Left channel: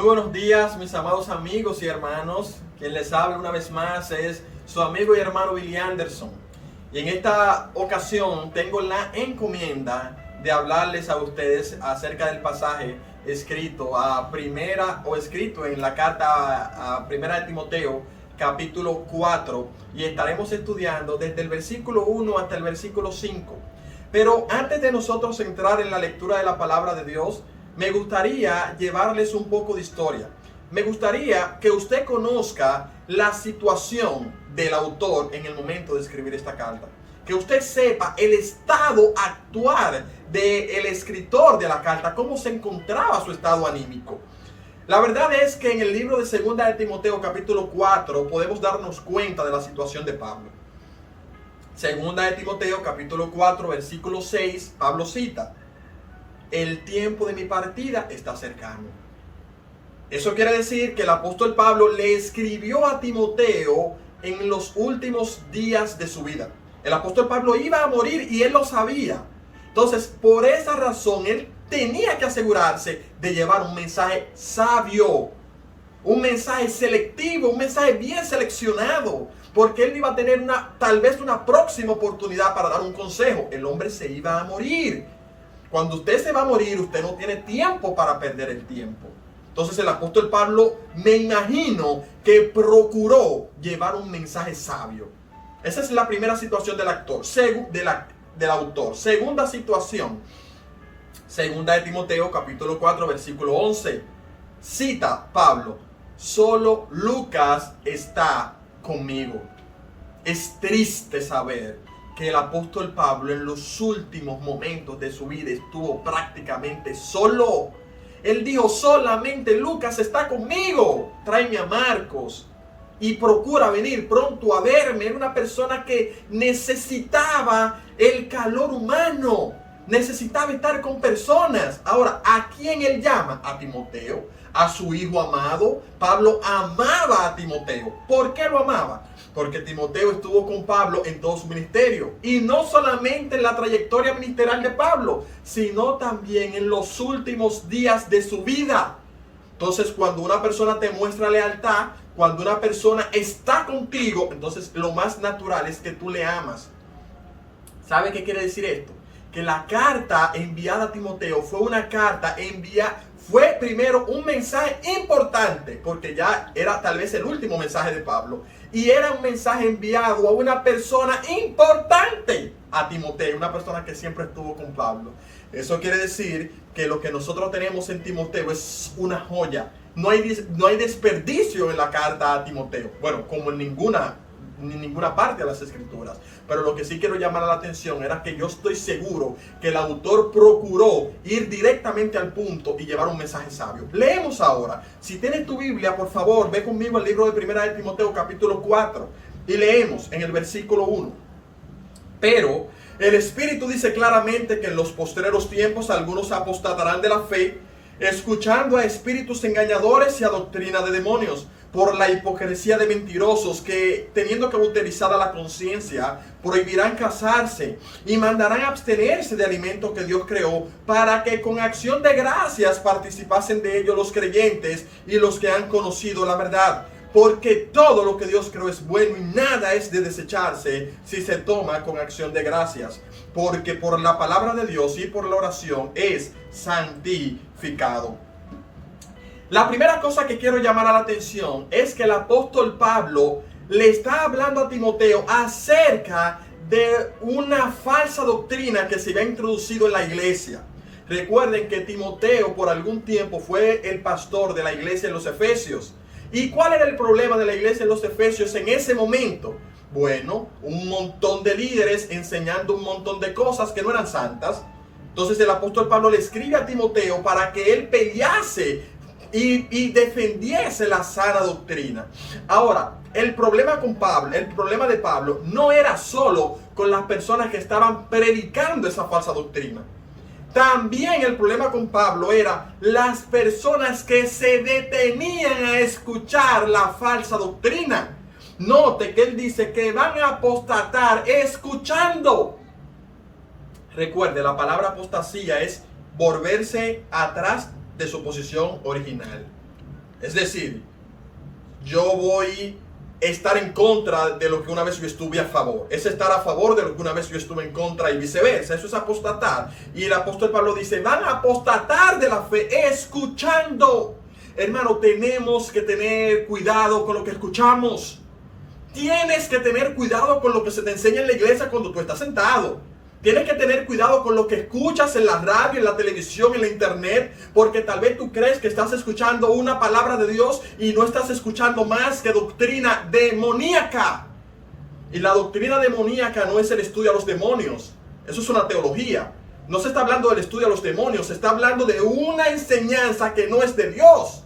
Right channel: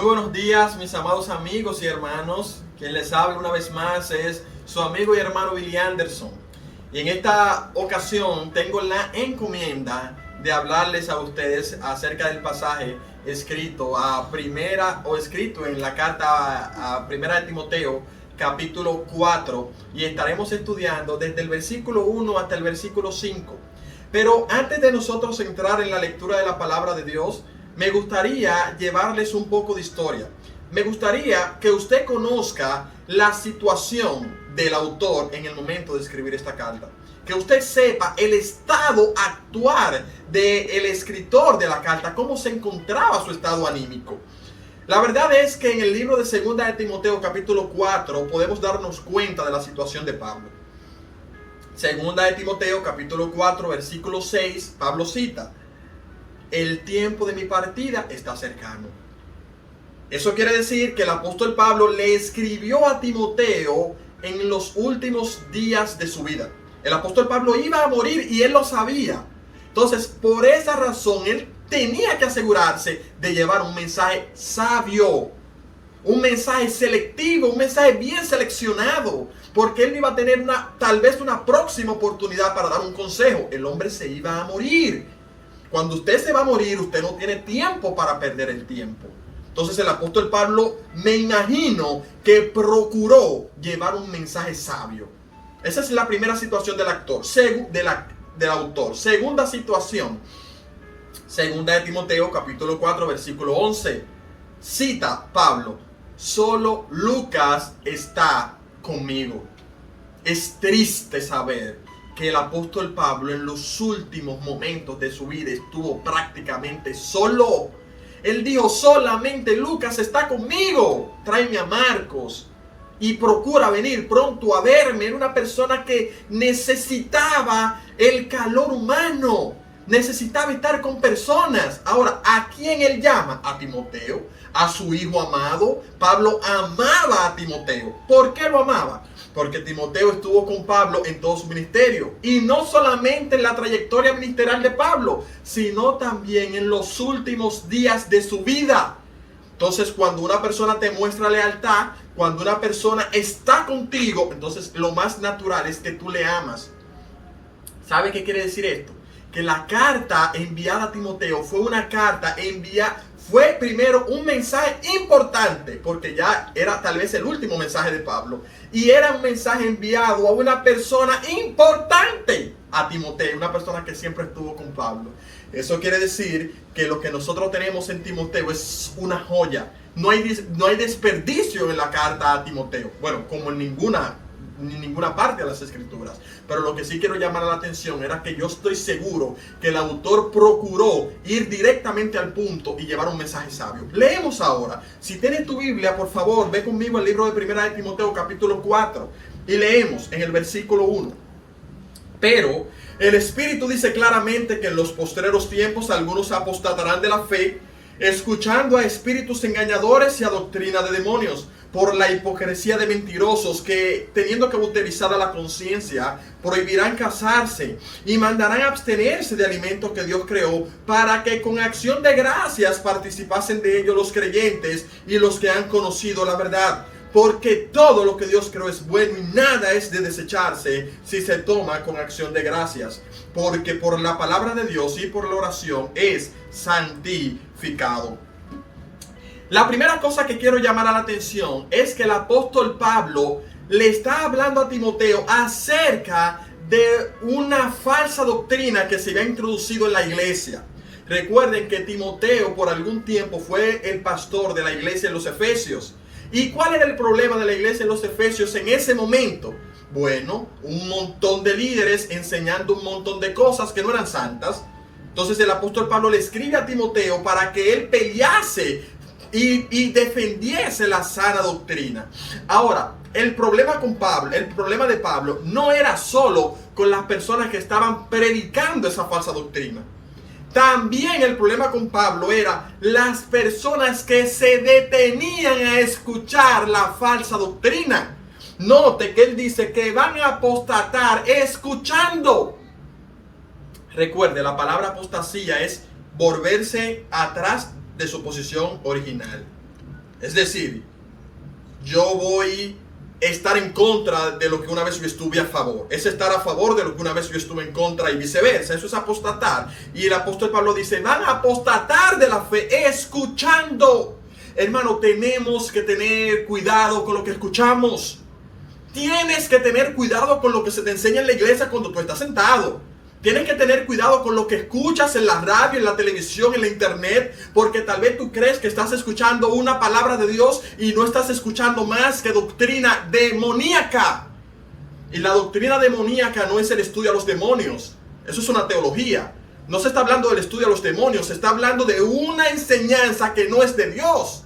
Muy buenos días, mis amados amigos y hermanos. Quien les habla una vez más es su amigo y hermano Billy Anderson. Y en esta ocasión tengo la encomienda de hablarles a ustedes acerca del pasaje escrito en la carta a Primera de Timoteo, capítulo 4, y estaremos estudiando desde el versículo 1 hasta el versículo 5. Pero antes de nosotros entrar en la lectura de la palabra de Dios, me gustaría llevarles un poco de historia. Me gustaría que usted conozca la situación del autor en el momento de escribir esta carta. Que usted sepa el estado actual del escritor de la carta, cómo se encontraba su estado anímico. La verdad es que en el libro de Segunda de Timoteo, capítulo 4, podemos darnos cuenta de la situación de Pablo. Segunda de Timoteo, capítulo 4, versículo 6, Pablo cita: el tiempo de mi partida está cercano. Eso quiere decir que el apóstol Pablo le escribió a Timoteo en los últimos días de su vida. El apóstol Pablo iba a morir y él lo sabía. Entonces, por esa razón, él tenía que asegurarse de llevar un mensaje sabio, un mensaje selectivo, un mensaje bien seleccionado, porque él iba a tener tal vez una próxima oportunidad para dar un consejo. El hombre se iba a morir. Cuando usted se va a morir, usted no tiene tiempo para perder el tiempo. Entonces el apóstol Pablo, me imagino que procuró llevar un mensaje sabio. Esa es la primera situación del autor. Segunda situación, Segunda de Timoteo, capítulo 4, versículo 11. Cita Pablo: solo Lucas está conmigo. Es triste saber que el apóstol Pablo en los últimos momentos de su vida estuvo prácticamente solo. Él dijo: solamente Lucas está conmigo. Tráeme a Marcos y procura venir pronto a verme. Era una persona que necesitaba el calor humano, necesitaba estar con personas. Ahora, ¿a quién él llama? A Timoteo, a su hijo amado. Pablo amaba a Timoteo. ¿Por qué lo amaba? Porque Timoteo estuvo con Pablo en todo su ministerio. Y no solamente en la trayectoria ministerial de Pablo, sino también en los últimos días de su vida. Entonces, cuando una persona te muestra lealtad, cuando una persona está contigo, entonces lo más natural es que tú le amas. ¿Sabe qué quiere decir esto? Que la carta enviada a Timoteo fue primero un mensaje importante, porque ya era tal vez el último mensaje de Pablo, y era un mensaje enviado a una persona importante, a Timoteo, una persona que siempre estuvo con Pablo. Eso quiere decir que lo que nosotros tenemos en Timoteo es una joya. No hay desperdicio en la carta a Timoteo, bueno, como en ninguna parte de las escrituras. Pero lo que sí quiero llamar la atención era que yo estoy seguro que el autor procuró ir directamente al punto y llevar un mensaje sabio. Leemos ahora. Si tienes tu Biblia, por favor, ve conmigo al libro de Primera de Timoteo, capítulo 4, y leemos en el versículo 1. Pero el Espíritu dice claramente que en los postreros tiempos algunos apostatarán de la fe, escuchando a espíritus engañadores y a doctrina de demonios, por la hipocresía de mentirosos que, teniendo cauterizada la conciencia, prohibirán casarse y mandarán abstenerse de alimentos que Dios creó, para que con acción de gracias participasen de ello los creyentes y los que han conocido la verdad. Porque todo lo que Dios creó es bueno y nada es de desecharse si se toma con acción de gracias. Porque por la palabra de Dios y por la oración es santificado. La primera cosa que quiero llamar a la atención es que el apóstol Pablo le está hablando a Timoteo acerca de una falsa doctrina que se había introducido en la iglesia. Recuerden que Timoteo por algún tiempo fue el pastor de la iglesia en los Efesios. ¿Y cuál era el problema de la iglesia en los Efesios en ese momento? Bueno, un montón de líderes enseñando un montón de cosas que no eran santas. Entonces el apóstol Pablo le escribe a Timoteo para que él pelease y defendiese la sana doctrina. Ahora, el problema de Pablo no era solo con las personas que estaban predicando esa falsa doctrina. También el problema con Pablo era las personas que se detenían a escuchar la falsa doctrina. Note que él dice que van a apostatar escuchando. Recuerde, la palabra apostasía es volverse atrás de su posición original. Es decir, yo voy a estar en contra de lo que una vez yo estuve a favor. Es estar a favor de lo que una vez yo estuve en contra y viceversa. Eso es apostatar. Y el apóstol Pablo dice, van a apostatar de la fe escuchando. Hermano, tenemos que tener cuidado con lo que escuchamos. Tienes que tener cuidado con lo que se te enseña en la iglesia cuando tú estás sentado. Tienes que tener cuidado con lo que escuchas en la radio, en la televisión, en la internet, porque tal vez tú crees que estás escuchando una palabra de Dios y no estás escuchando más que doctrina demoníaca. Y la doctrina demoníaca no es el estudio a los demonios. Eso es una teología. No se está hablando del estudio a los demonios, se está hablando de una enseñanza que no es de Dios.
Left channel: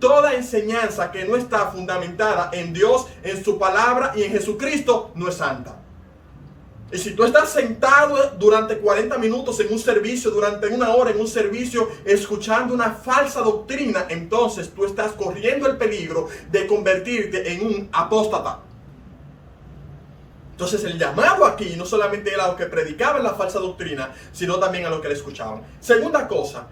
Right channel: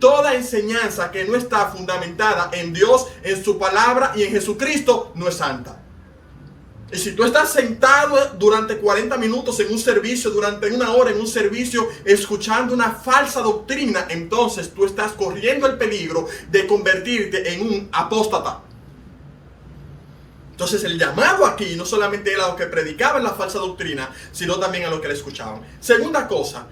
Toda enseñanza que no está fundamentada en Dios, en su palabra y en Jesucristo no es santa. Y si tú estás sentado durante 40 minutos en un servicio, durante una hora en un servicio, escuchando una falsa doctrina, entonces tú estás corriendo el peligro de convertirte en un apóstata. Entonces el llamado aquí no solamente era a los que predicaban la falsa doctrina, sino también a los que la escuchaban. Segunda cosa,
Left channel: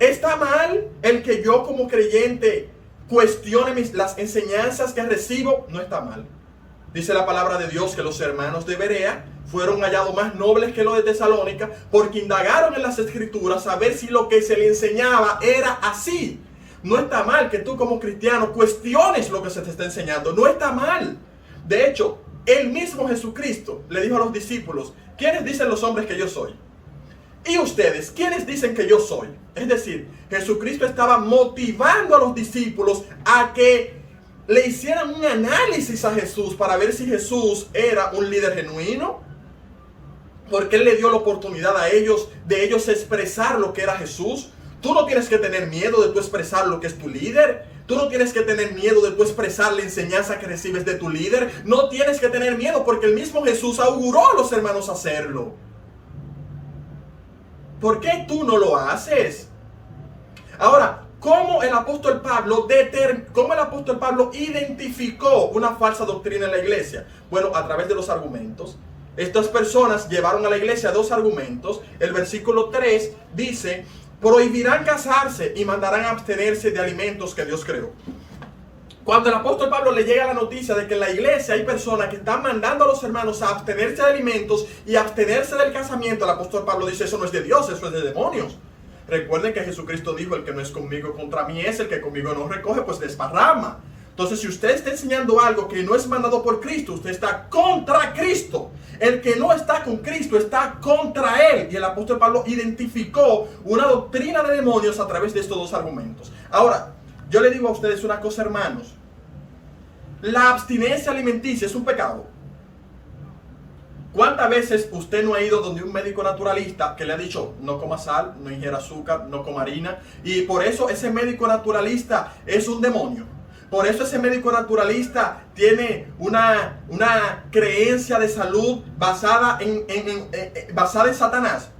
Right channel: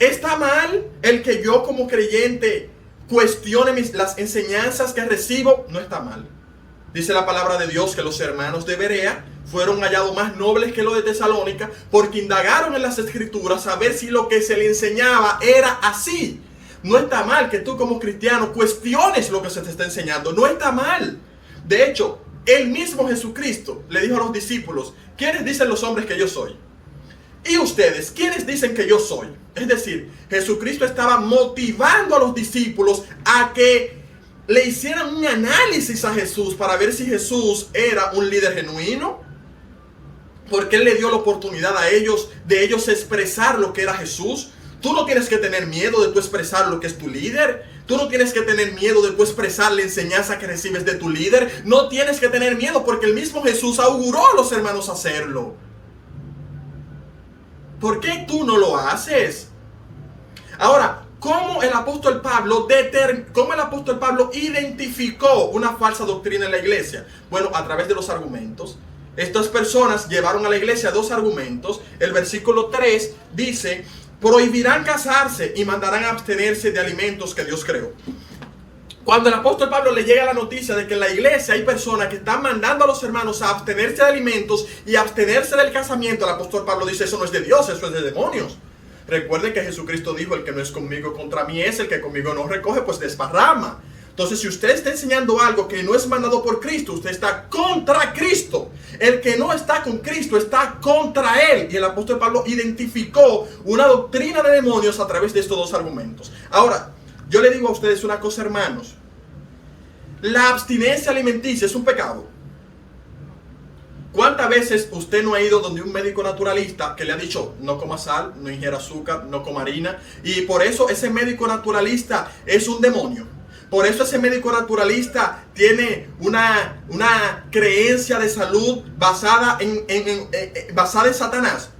¿está mal el que yo como creyente cuestione las enseñanzas que recibo? No está mal. Dice la palabra de Dios que los hermanos de Berea fueron hallados más nobles que los de Tesalónica porque indagaron en las escrituras a ver si lo que se le enseñaba era así. No está mal que tú como cristiano cuestiones lo que se te está enseñando. No está mal. De hecho, el mismo Jesucristo le dijo a los discípulos, ¿quiénes dicen los hombres que yo soy? Y ustedes, ¿quiénes dicen que yo soy? Es decir, Jesucristo estaba motivando a los discípulos a que le hicieran un análisis a Jesús para ver si Jesús era un líder genuino. Porque Él le dio la oportunidad a ellos, de ellos expresar lo que era Jesús. Tú no tienes que tener miedo de tú expresar lo que es tu líder. Tú no tienes que tener miedo de tú expresar la enseñanza que recibes de tu líder. No tienes que tener miedo porque el mismo Jesús auguró a los hermanos hacerlo. ¿Por qué tú no lo haces? Ahora, ¿cómo el apóstol Pablo identificó una falsa doctrina en la iglesia? Bueno, a través de los argumentos. Estas personas llevaron a la iglesia dos argumentos. El versículo 3 dice, prohibirán casarse y mandarán a abstenerse de alimentos que Dios creó. Cuando el apóstol Pablo le llega la noticia de que en la iglesia hay personas que están mandando a los hermanos a abstenerse de alimentos y abstenerse del casamiento, el apóstol Pablo dice, eso no es de Dios, eso es de demonios. Recuerden que Jesucristo dijo, el que no es conmigo contra mí es, el que conmigo no recoge, pues desparrama. Entonces, si usted está enseñando algo que no es mandado por Cristo, usted está contra Cristo. El que no está con Cristo está contra Él. Y el apóstol Pablo identificó una doctrina de demonios a través de estos dos argumentos. Ahora, yo le digo a ustedes una cosa, hermanos. La abstinencia alimenticia es un pecado. ¿Cuántas veces usted no ha ido donde un médico naturalista que le ha dicho no coma sal, no ingiera azúcar, no coma harina? Y por eso ese médico naturalista es un demonio. Por eso ese médico naturalista tiene una creencia de salud basada en Satanás.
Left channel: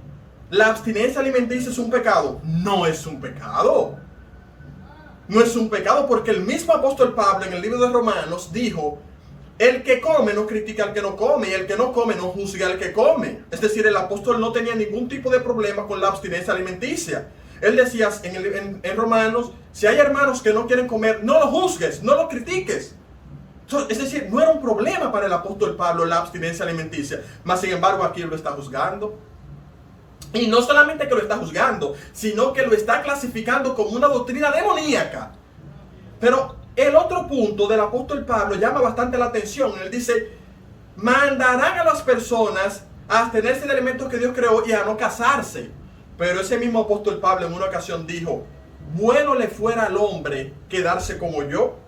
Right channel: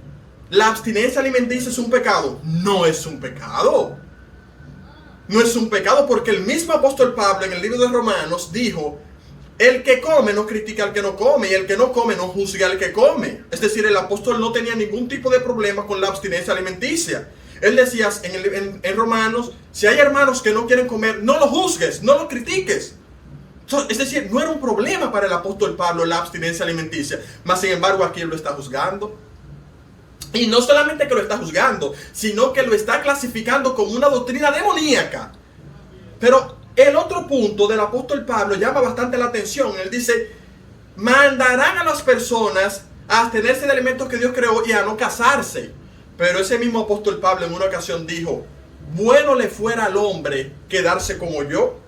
¿La abstinencia alimenticia es un pecado? No es un pecado. No es un pecado porque el mismo apóstol Pablo en el libro de Romanos dijo, el que come no critica al que no come y el que no come no juzga al que come. Es decir, el apóstol no tenía ningún tipo de problema con la abstinencia alimenticia. Él decía en Romanos, si hay hermanos que no quieren comer, no lo juzgues, no lo critiques. Es decir, no era un problema para el apóstol Pablo la abstinencia alimenticia. Mas sin embargo aquí él lo está juzgando. Y no solamente que lo está juzgando, sino que lo está clasificando como una doctrina demoníaca. Pero el otro punto del apóstol Pablo llama bastante la atención. Él dice, mandarán a las personas a abstenerse de alimentos que Dios creó y a no casarse. Pero ese mismo apóstol Pablo en una ocasión dijo, bueno le fuera al hombre quedarse como yo,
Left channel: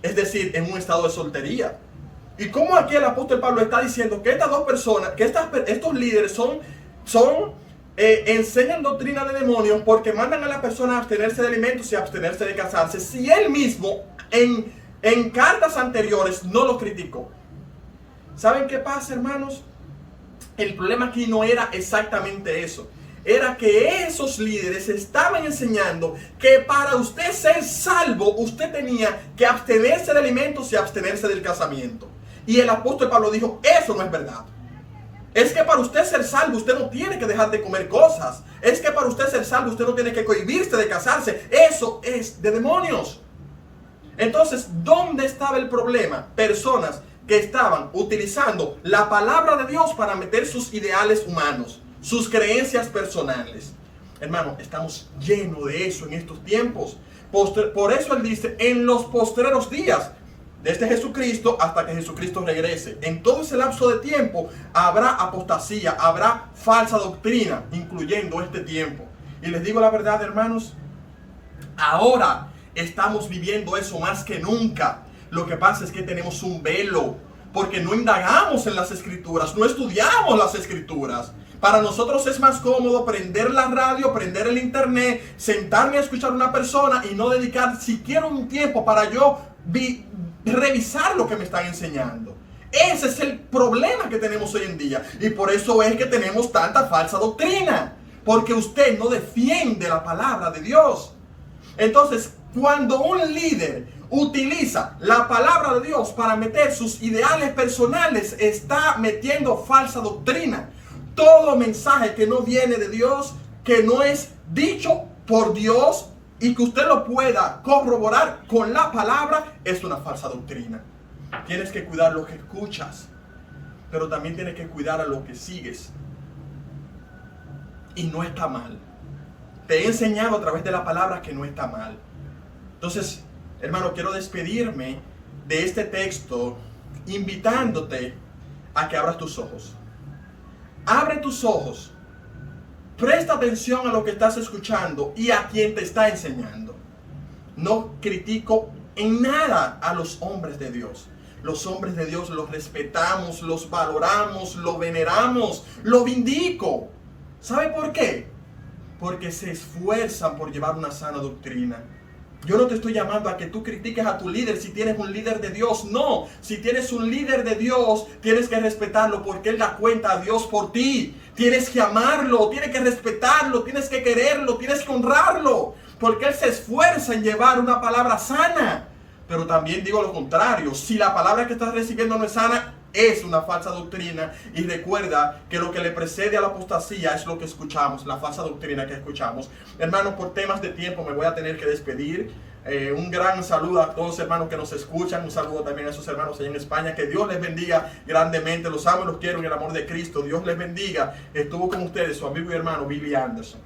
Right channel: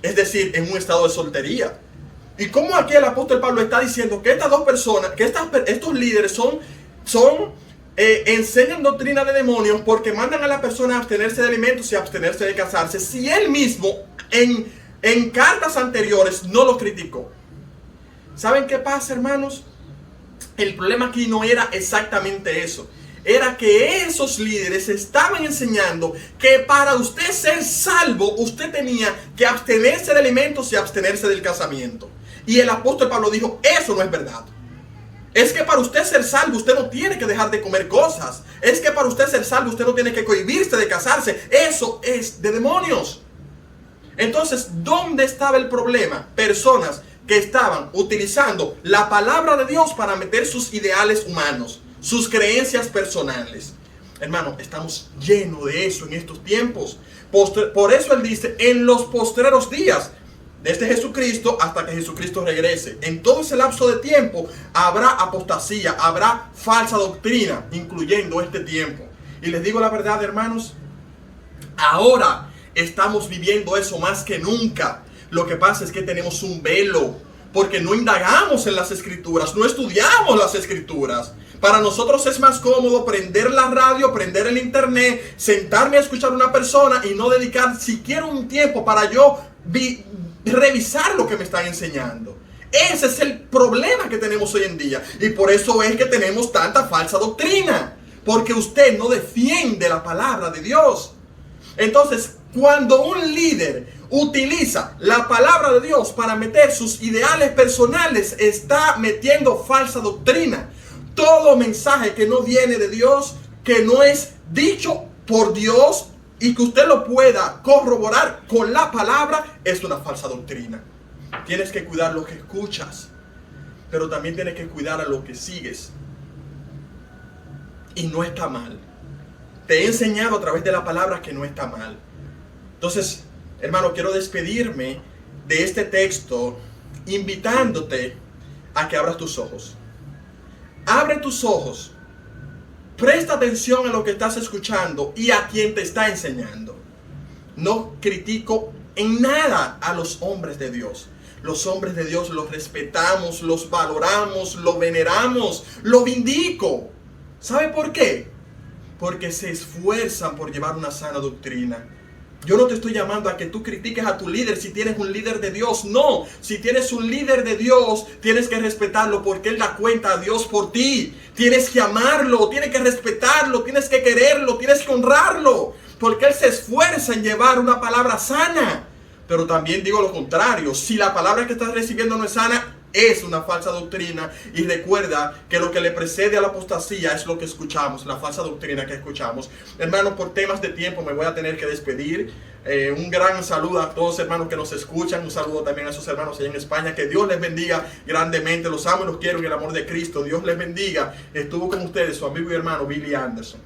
es decir, en un estado de soltería. Y como aquí el apóstol Pablo está diciendo que estas dos personas, que estos líderes enseñan doctrina de demonios porque mandan a la persona a abstenerse de alimentos y a abstenerse de casarse, si él mismo en cartas anteriores no lo criticó. ¿Saben qué pasa, hermanos? El problema aquí no era exactamente eso. Era que esos líderes estaban enseñando que para usted ser salvo, usted tenía que abstenerse de alimentos y abstenerse del casamiento. Y el apóstol Pablo dijo, eso no es verdad. Es que para usted ser salvo, usted no tiene que dejar de comer cosas. Es que para usted ser salvo, usted no tiene que cohibirse de casarse. Eso es de demonios. Entonces, ¿dónde estaba el problema? Personas que estaban utilizando la palabra de Dios para meter sus ideales humanos, sus creencias personales. Hermano, estamos llenos de eso en estos tiempos. Por eso Él dice, en los postreros días, desde Jesucristo hasta que Jesucristo regrese. En todo ese lapso de tiempo habrá apostasía, habrá falsa doctrina, incluyendo este tiempo. Y les digo la verdad, hermanos, ahora estamos viviendo eso más que nunca. Lo que pasa es que tenemos un velo, porque no indagamos en las escrituras, no estudiamos las escrituras. Para nosotros es más cómodo prender la radio, prender el internet, sentarme a escuchar a una persona y no dedicar siquiera un tiempo para yo revisar lo que me están enseñando. Ese es el problema que tenemos hoy en día. Y por eso es que tenemos tanta falsa doctrina. Porque usted no defiende la palabra de Dios. Entonces, cuando un líder utiliza la palabra de Dios para meter sus ideales personales, está metiendo falsa doctrina. Todo mensaje que no viene de Dios, que no es dicho por Dios y que usted lo pueda corroborar con la palabra, es una falsa doctrina. Tienes que cuidar lo que escuchas, pero también tienes que cuidar a lo que sigues. Y no está mal. Te he enseñado a través de la palabra que no está mal. Entonces, hermano, quiero despedirme de este texto invitándote a que abras tus ojos. Abre tus ojos. Presta atención a lo que estás escuchando y a quien te está enseñando. No critico en nada a los hombres de Dios. Los hombres de Dios los respetamos, los valoramos, los veneramos, los vindico. ¿Sabe por qué? Porque se esfuerzan por llevar una sana doctrina. Yo no te estoy llamando a que tú critiques a tu líder si tienes un líder de Dios. No, si tienes un líder de Dios, tienes que respetarlo porque Él da cuenta a Dios por ti. Tienes que amarlo, tienes que respetarlo, tienes que quererlo, tienes que honrarlo. Porque Él se esfuerza en llevar una palabra sana. Pero también digo lo contrario, si la palabra que estás recibiendo no es sana, es una falsa doctrina. Y recuerda que lo que le precede a la apostasía es lo que escuchamos, la falsa doctrina que escuchamos. Hermanos, por temas de tiempo me voy a tener que despedir. Un gran saludo a todos los hermanos que nos escuchan. Un saludo también a esos hermanos allá en España. Que Dios les bendiga grandemente. Los amo y los quiero en el amor de Cristo. Dios les bendiga. Estuvo con ustedes su amigo y hermano Billy Anderson.